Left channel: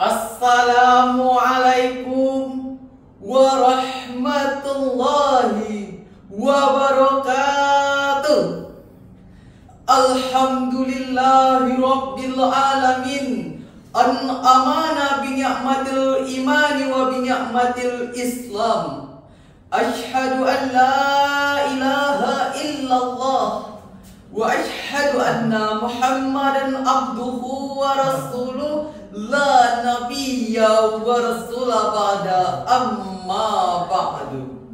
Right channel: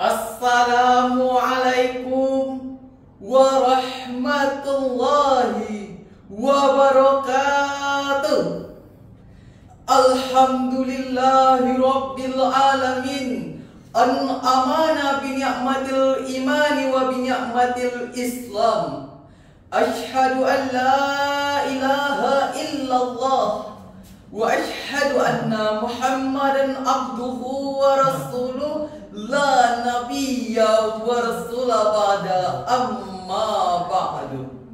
Assalamualaikum warahmatullahi wabarakatuh. Alhamdulillahi rabbil alamin. An'amana bi ni'matil imani wa bi ni'matil islam. Asyhadu an la ilaha illallah wa asyhadu anna Muhammadan abduhu wa rasuluh. La nabiyya wa rasula ba'da, amma ba'du.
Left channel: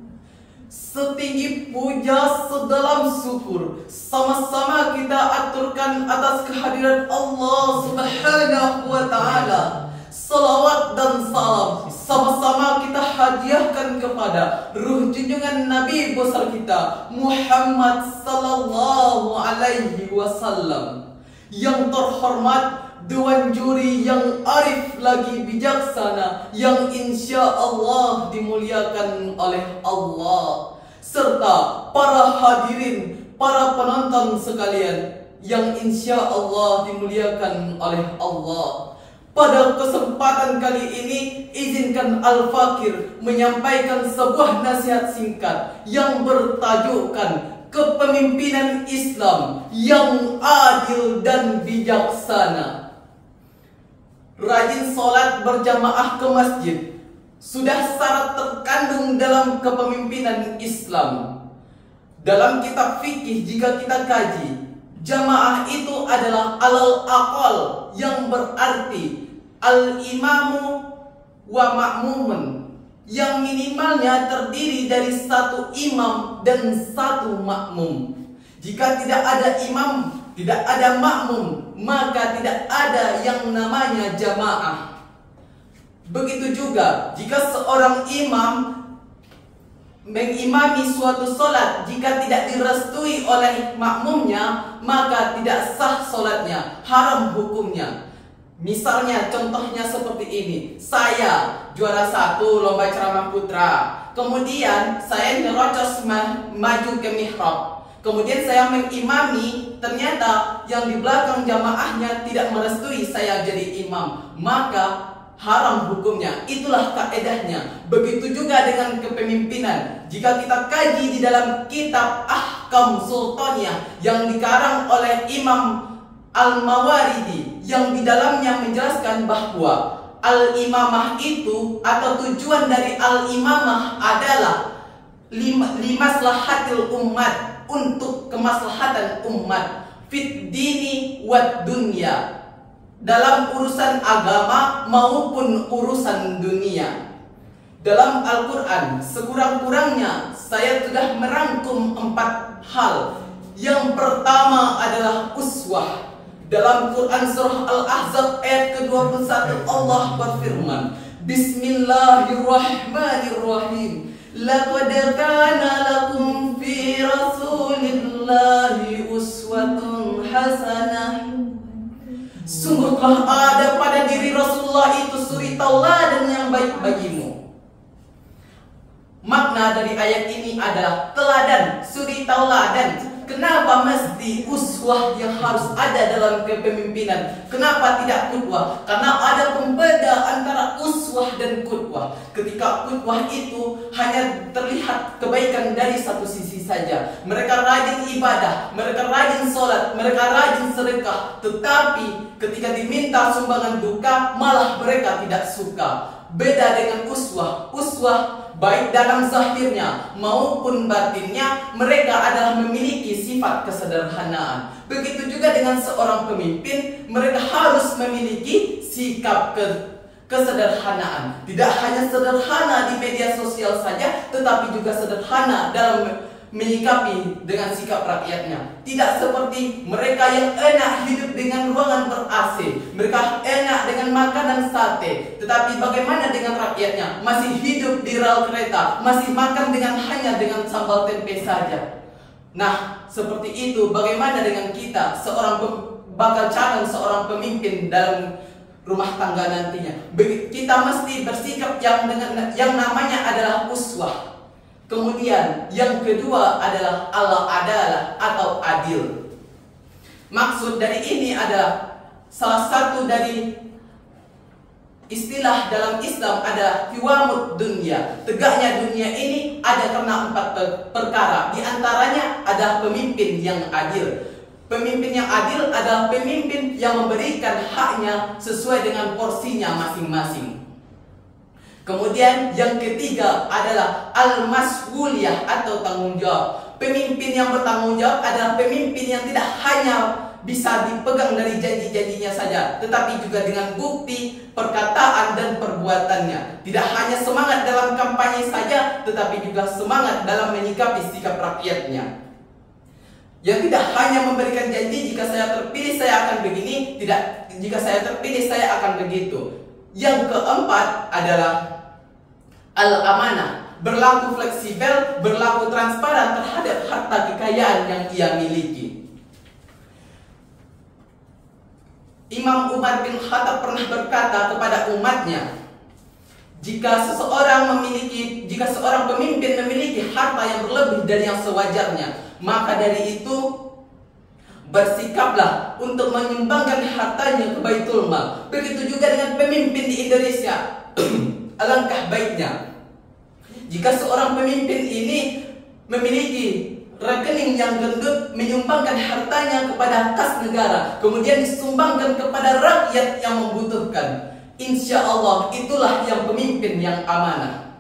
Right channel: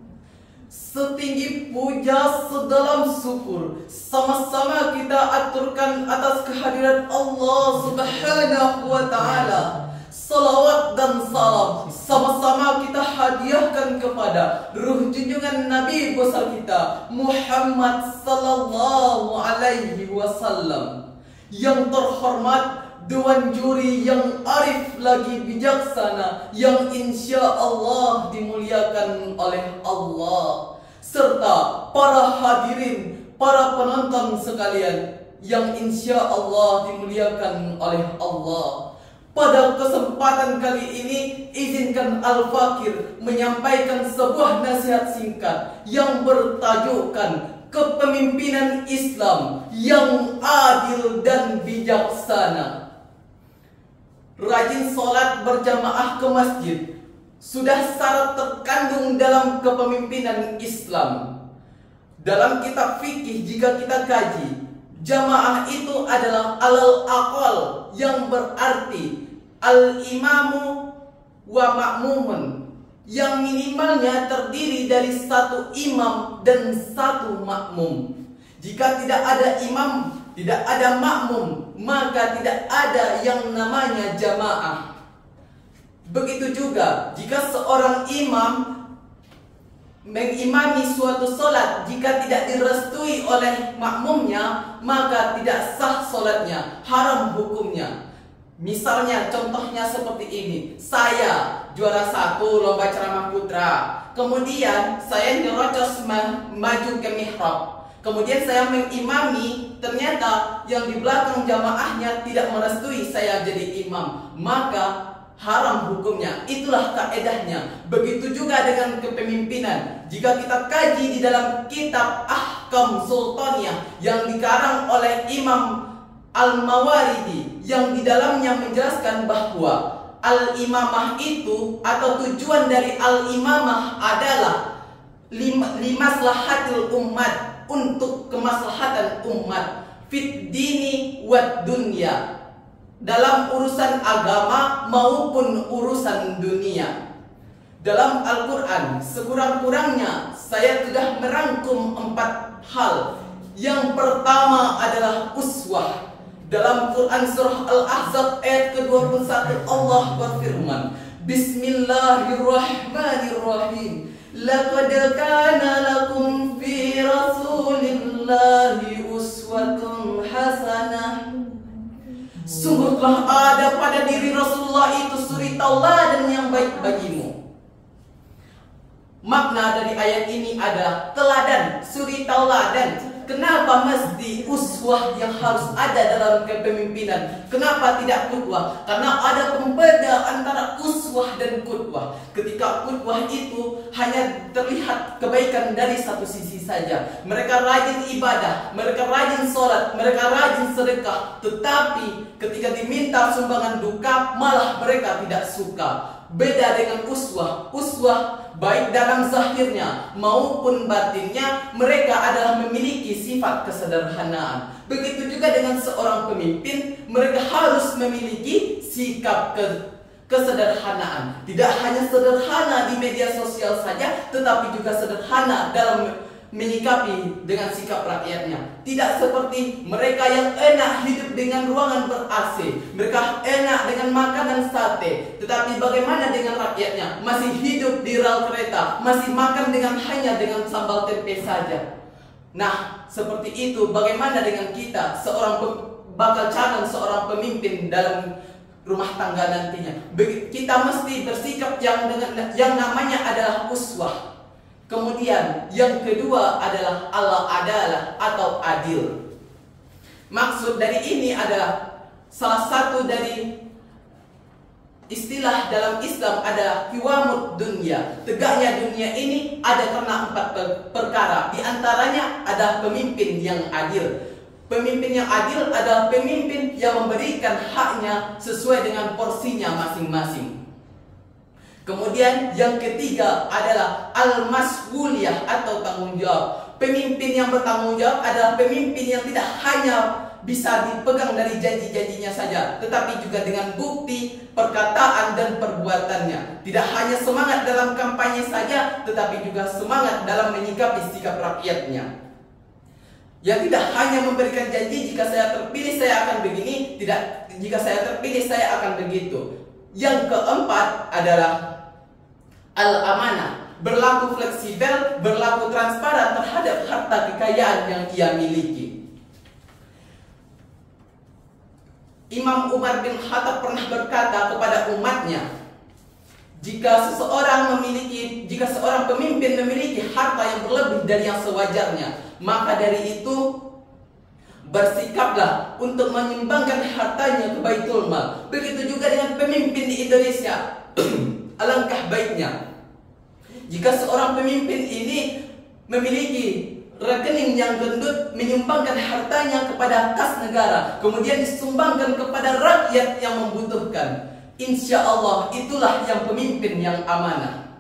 Setinggi puja, sedalam syukur, sama-sama kita aturkan atas kehadiran Allah Subhanahu wa ta'ala. Salawat dan salam sama-sama kita hadiahkan kepada ruh junjungan Nabi besar kita Muhammad sallallahu alaihi wasallam. Yang terhormat Dewan Juri yang arif lagi bijaksana, yang insya Allah dimuliakan oleh Allah, serta para hadirin, para penonton sekalian yang insya Allah dimuliakan oleh Allah. Pada kesempatan kali ini, izinkan Al-Fakir menyampaikan sebuah nasihat singkat yang bertajukkan kepemimpinan Islam yang adil dan bijaksana. Rajin sholat berjamaah ke masjid sudah syarat terkandung dalam kepemimpinan Islam. Dalam kitab fikih jika kita kaji, jamaah itu adalah alal aqal, yang berarti al-imamu wa ma'mumun, yang minimalnya terdiri dari satu imam dan satu makmum. Jika tidak ada imam, tidak ada makmum, maka tidak ada yang namanya jamaah. Begitu juga jika seorang imam mengimami suatu sholat, jika tidak direstui oleh makmumnya, maka tidak sah sholatnya, haram hukumnya. Misalnya contohnya seperti ini, saya juara 1 lomba ceramah putra, kemudian saya nyerocos maju ke mihrab, kemudian saya mengimami, ternyata yang di belakang jamaahnya tidak merestui saya jadi imam, maka haram hukumnya. Itulah kaedahnya. Begitu juga dengan kepemimpinan. Jika kita kaji di dalam kitab Ahkam Sultaniyah yang dikarang oleh Imam Al-Mawardi, yang di dalamnya menjelaskan bahwa al-imamah itu atau tujuan dari al-imamah adalah limaslahatil umat, untuk kemaslahatan umat, fit dini wad dunya, dalam urusan agama maupun urusan dunia. Dalam Al-Quran sekurang-kurangnya saya sudah merangkum 4 hal. Yang pertama adalah uswah. Dalam Quran surah Al-Ahzab ayat ke-21 Allah berfirman, Bismillahirrahmanirrahim. Laqad kana lakum fi Rasulillahi uswatun hasanah. Sungguh telah ada pada diri Rasulullah itu suri tauladan yang baik bagimu. Makna dari ayat ini adalah teladan, suri tauladan. Kenapa mesti uswah yang harus ada dalam kepemimpinan? Kenapa tidak qudwah? Karena ada pembeda antara uswah dan qudwah. Ketika qudwah itu hanya terlihat kebaikan dari satu sisi saja. Mereka rajin ibadah, mereka rajin sholat, mereka rajin sedekah. Tetapi ketika diminta sumbangan duka, malah mereka tidak suka. Beda dengan uswah. Uswah baik dalam zahirnya maupun batinnya, mereka adalah memiliki sifat kesederhanaan. Begitu juga dengan seorang pemimpin, mereka harus memiliki sikap kesederhanaan. Tidak hanya sederhana di media sosial saja, tetapi juga sederhana dalam menyikapi dengan sikap rakyatnya. Tidak seperti mereka yang enak hidup dengan ruangan ber-AC, mereka enak dengan makanan sate, tetapi bagaimana dengan rakyatnya? Masih hidup di rel kereta, masih makan hanya dengan sambal tempe saja. Nah, seperti itu bagaimana dengan kita, bakal calon seorang pemimpin dalam rumah tangga nantinya? Kita mesti bersikap yang namanya adalah uswah. Kemudian yang kedua adalah al-adalah atau adil. Maksud dari ini adalah salah satu dari istilah dalam Islam ada hiwamud dunia. Tegaknya dunia ini ada karena 4 perkara. Di antaranya ada pemimpin yang adil. Pemimpin yang adil adalah pemimpin yang memberikan haknya sesuai dengan porsinya masing-masing. Kemudian yang ketiga adalah al-mas'uliyah atau tanggung jawab. Pemimpin yang bertanggung jawab adalah pemimpin yang tidak hanya bisa dipegang dari janji-janjinya saja, tetapi juga dengan bukti, perkataan, dan perbuatannya. Tidak hanya semangat dalam kampanye saja, tetapi juga semangat dalam menyikapi sikap rakyatnya. Yang tidak hanya memberikan janji, jika saya terpilih saya akan begini, tidak, jika saya terpilih saya akan begitu. Yang keempat adalah al-amanah, berlaku fleksibel, berlaku transparan terhadap harta kekayaan yang ia miliki. Imam Umar bin Khattab pernah berkata kepada umatnya, jika seorang pemimpin memiliki harta yang berlebih dari yang sewajarnya, maka dari itu bersikaplah untuk menyumbangkan hartanya ke Baitul Mal. Begitu juga dengan pemimpin di Indonesia. Alangkah baiknya jika seorang pemimpin ini memiliki rekening yang gendut, menyumbangkan hartanya kepada kas negara, kemudian disumbangkan kepada rakyat yang membutuhkan. Insya Allah itulah yang pemimpin yang amanah.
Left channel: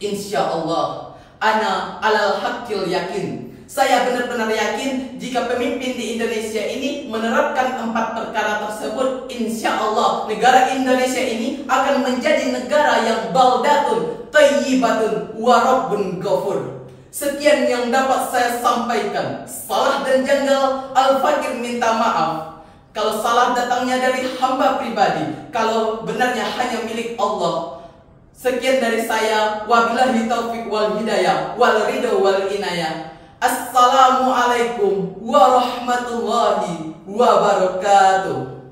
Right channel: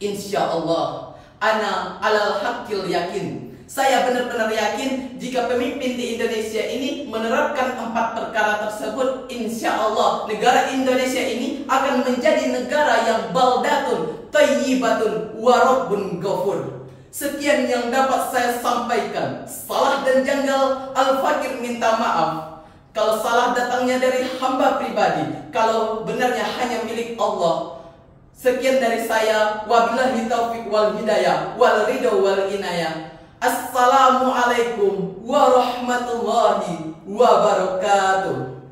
Insya Allah, ana alal haqqil yakin. Saya benar-benar yakin jika pemimpin di Indonesia ini menerapkan 4 perkara tersebut, insya Allah negara Indonesia ini akan menjadi negara yang baldatun, thayyibatun, warabbun ghafur. Sekian yang dapat saya sampaikan. Salah dan janggal, Al-Fakir minta maaf. Kalau salah datangnya dari hamba pribadi, kalau benarnya hanya milik Allah. Sekian dari saya. Wabillahi taufiq wal hidayah wal ridho wal inayah. Assalamualaikum warahmatullahi wabarakatuh.